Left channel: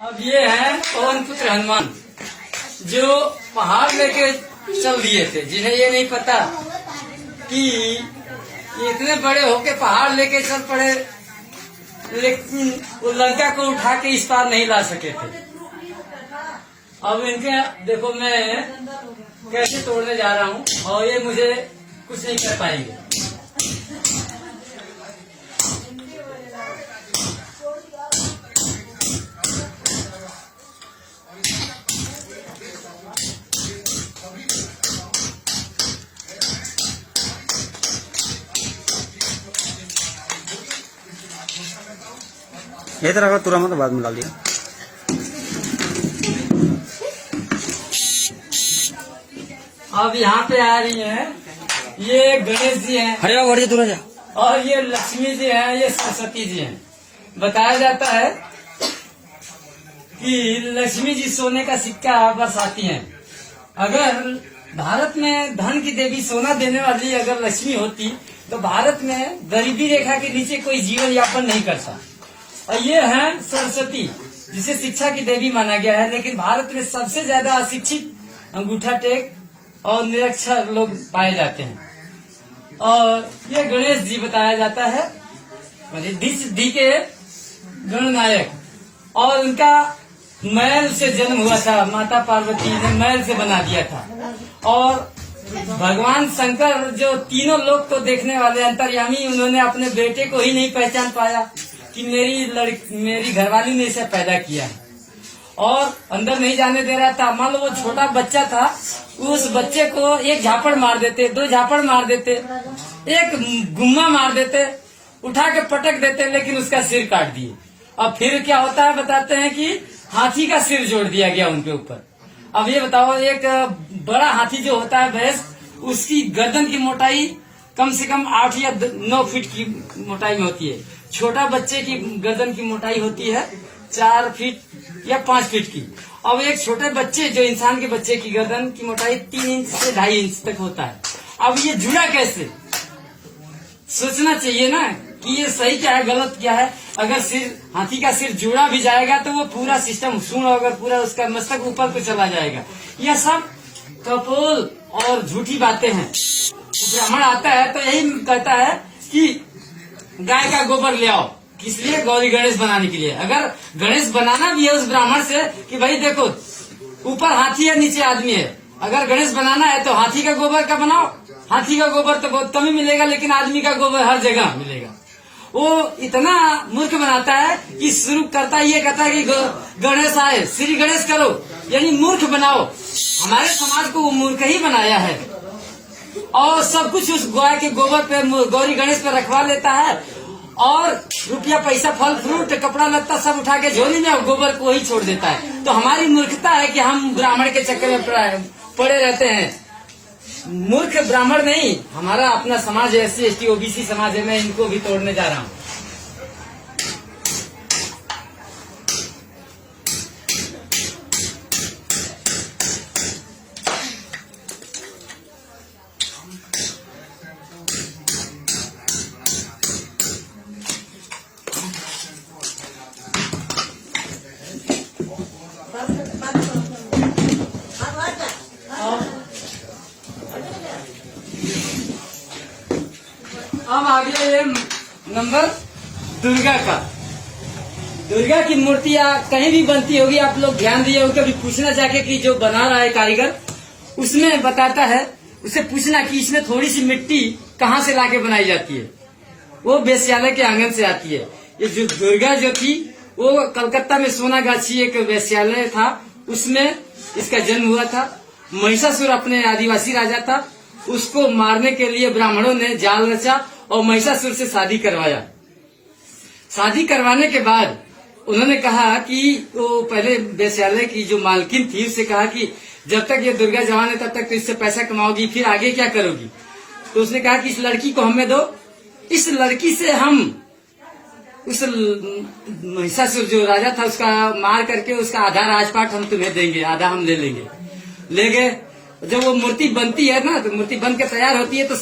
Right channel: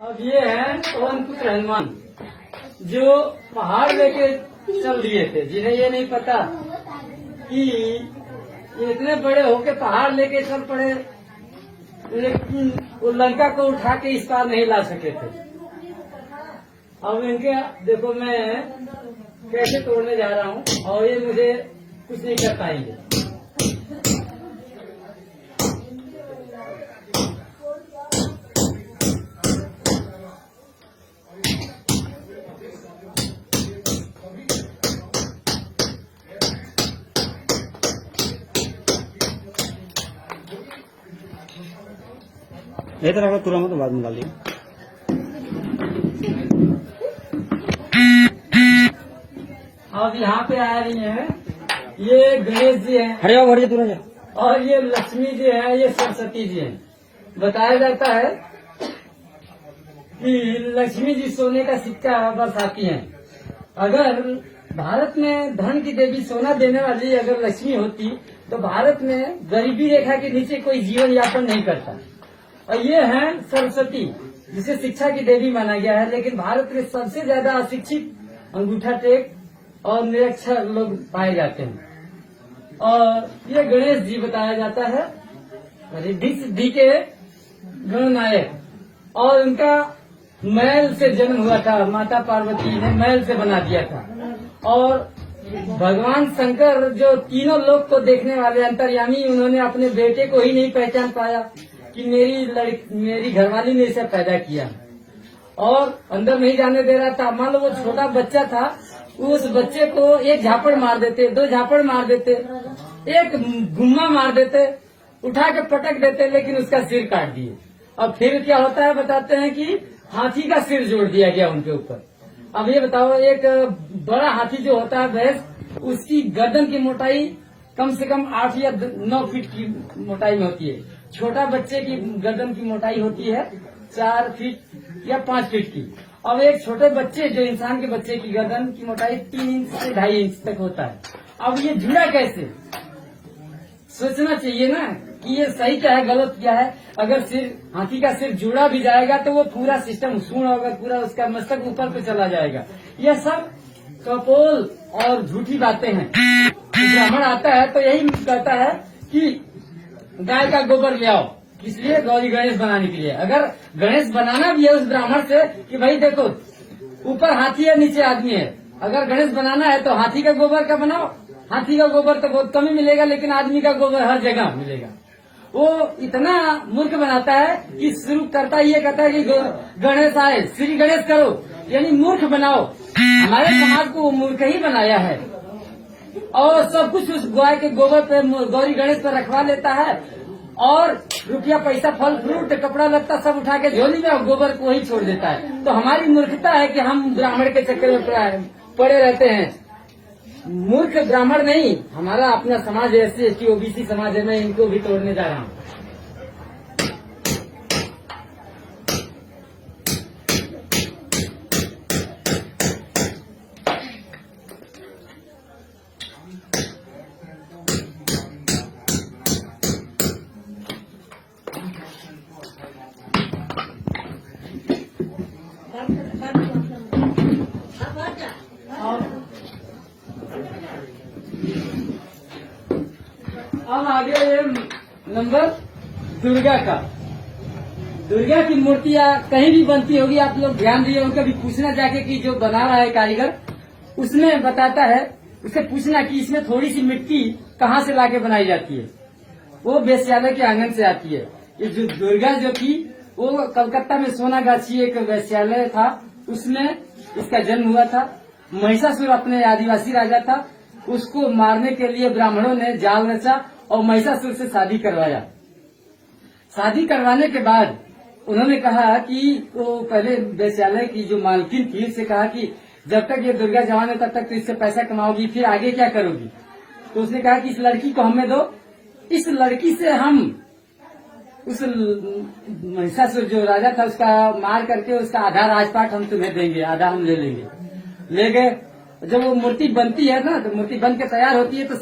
अब ये है पवन पुत्र हनुमान जो पहाड़ लेके चल दिए थे, जिन्हें ये नहीं पता कि ये इतने बड़े होके पहाड़ लेके चल पड़े, लेकिन वो लंका को उठा के इस पार नहीं ला सके थे। अब इनके देखो मैं कैसे तोड़ने जा रहा हूँ और ये मुझे कुछ नहीं कर पाएंगे। ये तरह का तुरंत बाद में डालिए। अब यहाँ पे आ रही हैं, ये गणेश जी हैं और ये लक्ष्मी जी हैं, ये सरस्वती जी हैं। बताया जाता है कि लक्ष्मी जी सोने का सिक्का बरसाती हैं। अगर भारत में धन की देवी सोना देने वाली अगर लक्ष्मी होती तो भारत में गरीबी रेखा के नीचे कोई जीवन यापन नहीं करता। और ये हैं सरस्वती, जिसे शिक्षा की देवी माना गया है, लेकिन भारत में सबसे ज्यादा अशिक्षित, अंगूठा टेक और निरक्षर लोग पाए जाते हैं। और ये गणेश जी बताया जाता है रिद्धि सिद्धि के गणनायक, और उनका मैल से जन्म हुआ था। माता पार्वती ने मैल से बना दिया था। और भगवान शंकर जो तीनों लोक को देखने वाले अंतर्यामी, उन्होंने अपने बेटे को ही नहीं पहचान पाया कि मेरी घरवाली ने इसे पैदा किया है, और अंदर नहीं जाने दे रहा था। मान लो वो छोटा बच्चा था, उस बच्चे को एक झापड़ मार देते, दो झापड़ मार देते, एक गुम्मा मार देते, उठा के पटक देते, लेकिन उसका सिर काट दिए। अब फिर क्या होता है बताते हैं कि हाथी का सिर जोड़ दिया गया उनके ऊपर। अब ये बताओ, एक बड़ा हाथी जो होता है भैंस, उसकी गर्दन की मोटाई कम से कम 8 या 9 फीट की मोटाई में होती है। छोटा बच्चे की गर्दन की मोटाई होती है 4 फीट या 5 फीट की। अब एक छोटे बच्चे, जो इंसान के बच्चे की गर्दन की मोटाई 3 इंच से 2.5 इंच तक होता है। अब ये जुड़ा कैसे? सोचना चाहिए ना कि ये सही क्या है, गलत क्या है। अगर हाथी का सिर जुड़ा भी जाएगा तो वो पूरा सिस्टम सुन होगा, पूरा उसका मस्तक ऊपर को चला जाएगा। यह सब कपोल और झूठी बातें हैं। ब्राह्मण आता है तो यही कहता है कि गाय का गोबर ले आओ, किस लिए? गौरी गणेश बनाने के लिए। अगर गणेश बनाना भी है उस ब्राह्मण से कि भाई देखो ऊपर हाथी है, नीचे आदमी है, अगर गणेश बनाना है तो हाथी का गोबर का बनाओ। हाथी का गोबर तो बहुत कम ही मिलेगा, लेकिन आदमी का गोबर हर जगह मिलेगा। वो इतना मूर्ख बनाता है कि शुरू करता ये कहता है कि गणेश आए, श्री गणेश करो, यानी मूर्ख बनाओ। हमारे समाज को वो मूर्ख ही बनाया है, और सब कुछ उस गाय के गोबर पे, गौरी गणेश पे रखवा लेता है, और रुपया पैसा, फल फ्रूट, कपड़ा लत्ता सब उठा के झोली में गोबर को ही छोड़ देता है। तो हमारी मूर्खता है कि हम ब्राह्मण के चक्कर में पड़े रहते हैं। मूर्ख ब्राह्मण नहीं, हमारा अपना समाज है, SC ST OBC समाज है। मैं इनको भी तोड़ने जा रहा हूँ। अब आगे ये नंबर दुर्गा का। दुर्गा की मूर्तियां कहीं भी बनती होगी, आप लोग ध्यान दिए हो, कभी पूछना जाके कि जो बना रहा है कारीगर, उसमें बताता है, उसे पूछना कि इसमें थोड़ी सी मिट्टी कहाँ से लाके बनाई जाती है। वो वेश्यालय के आंगन से आती है। ये जो दुर्गा जो थी, वो कलकत्ता में सोनागाछी एक वेश्यालय था, उसमें इसका जन्म हुआ था। महिषासुर अपने आदिवासी राजा था, उसको मारने के लिए ब्राह्मणों ने जाल रचा और महिषासुर से शादी करवाया। शादी करवाने के बाद उन्होंने कहा कि वो पहले वेश्यालय की जो मालकिन थी, उससे कहा कि जब तक ये दुर्गा जवान है तब तक तो इससे पैसा कमाओगी, फिर आगे क्या करोगी? तो उसने कहा कि इस लड़की को हमें दो, इस लड़की से हम उस महिषासुर जो राजा था उसका मार करके उसका आधा राजपाट हम तुम्हें देंगे, आधा हम ले लेंगे। ले गए। जब वो मूर्ति बनती है ना, तो मूर्ति बन के तैयार होती है, तो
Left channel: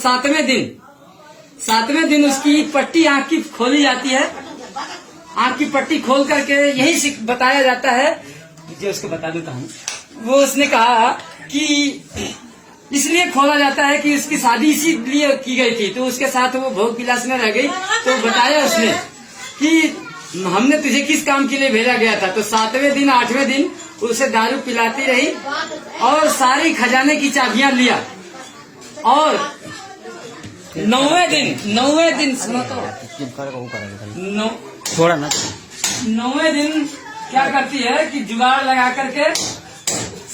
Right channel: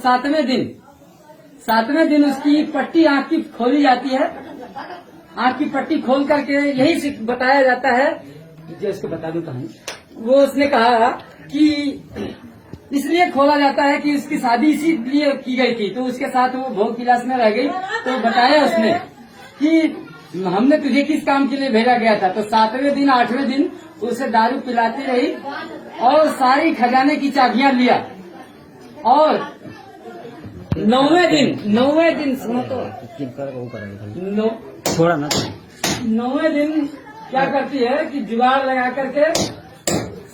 7वें दिन उसकी पट्टी आंख की खोली जाती है आंख की पट्टी खोल करके यही बताया जाता है, मुझे उसको बता दूं कहानी। वो उसने कहा कि इसलिए खोला जाता है कि उसकी शादी इसीलिए की गई थी, तो उसके साथ वो भोग विलास में रह गई। तो बताया उसने कि हमने तुझे किस काम के लिए भेजा गया था। तो 7वें दिन 8वें दिन उसे दारू पिलाती रही और सारी खजाने की चाबियां लिया। और 9वें दिन सुनो तो, छोड़ा ना 9वें दिन क्या करती है कि जुगाड़ लगा करके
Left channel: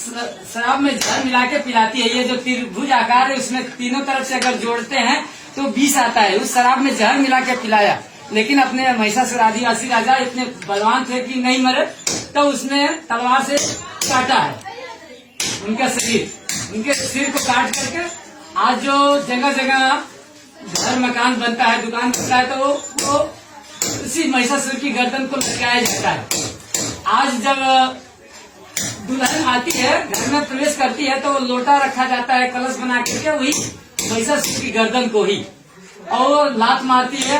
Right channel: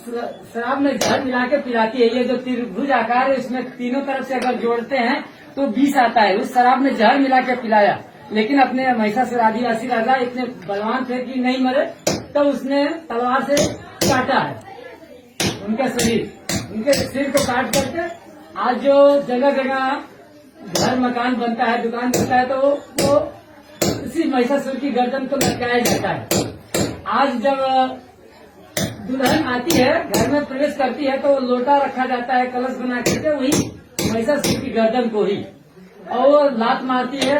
शराब में जहर मिला के पिलाती है। ये जो त्रिभुज आकार है उसमें तीनों तरफ से अगर जोड़ते हैं तो 20 आता है। उस शराब में जहर मिला के पिलाया, लेकिन अपने महिषासुर आदिवासी राजा इतने बलवान थे कि नहीं मरे, तो उसने तलवार से काटा है उनका शरीर, उनके सिर को काट करके आज जो जगह जगह घर मकान बनता है, दुकान बनता है, तो वो उसी महिषासुर की गर्दन को लटकाया जाता है। आज जब दुल्हन आती है, घर में प्रवेश करती है, तो लोटा रखा जाता है कलश बना करके वही महिषासुर की गर्दन को ही, और लात मारती है।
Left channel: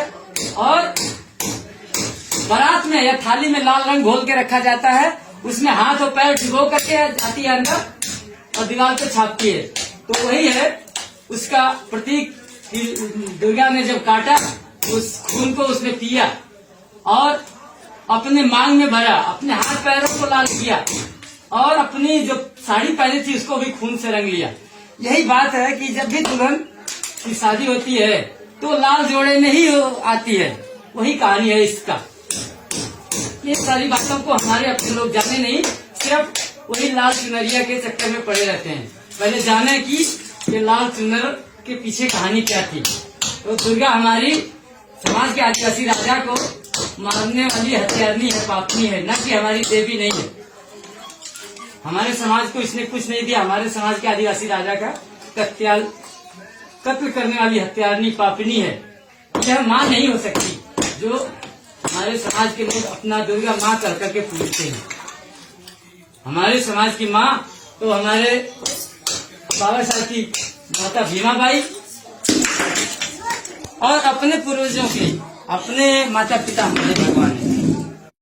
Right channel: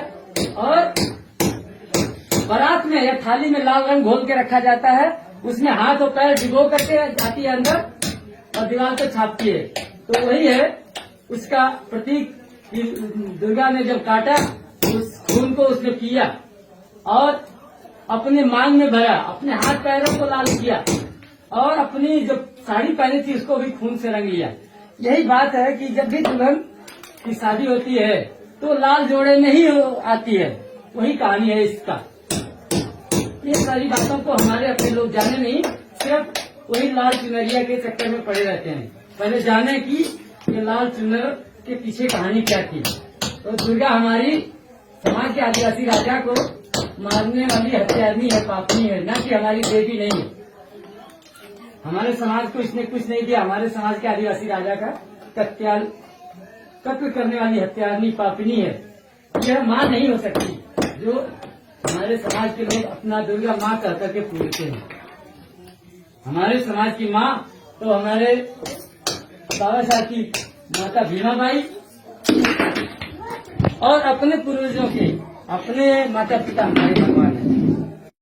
और बारात में या थाली में लाल रंग घोल के रखा जाता है, उसमें हाथ और पैर डुबो करके जाती है अंदर और दीवार पे छापती है। तो वही है उसका प्रतीक। दुर्गा ने जब काटा, उस खून को उसने पिया और अपने मांग में भरा, अपने हाथ पैरों को लाल किया और अपनी जो साड़ी पहनी थी उसको भी खून से रंग लिया। यही बात है कि जब भी दुल्हन की शादी होती है तो लाल जोड़े में ही आती है। वही कहानी है इसका। ये सारी बातों को हमारे अपने लोग जाने नहीं, सिर्फ वही लाल चुनरिया के चक्कर में पड़े रहते हैं। पहले जाने कि ये लाल चुनर के पीछे कहानी क्या थी। तो दुर्गा हमारी समाज के आदिवासी राजा को मारने वाली हत्यारनी है, पापनी है, न कि हमारी देवी नहीं है। हमारे समाज को इसने कुछ नहीं दिया। हमारे समाज के आदिवासी राजा का कत्ल करने वाली हत्यारनी पापनी है। यह माँ नहीं हो सकती जो हमारे समाज के लोग अपना दुर्गा माँ कर करके पूजते हैं। हमारे समाज की माँ तो हमारे बाबा साहब की माता भीमाबाई और अपने पूर्वजों के अपने माता पिता हमारे भगवान है।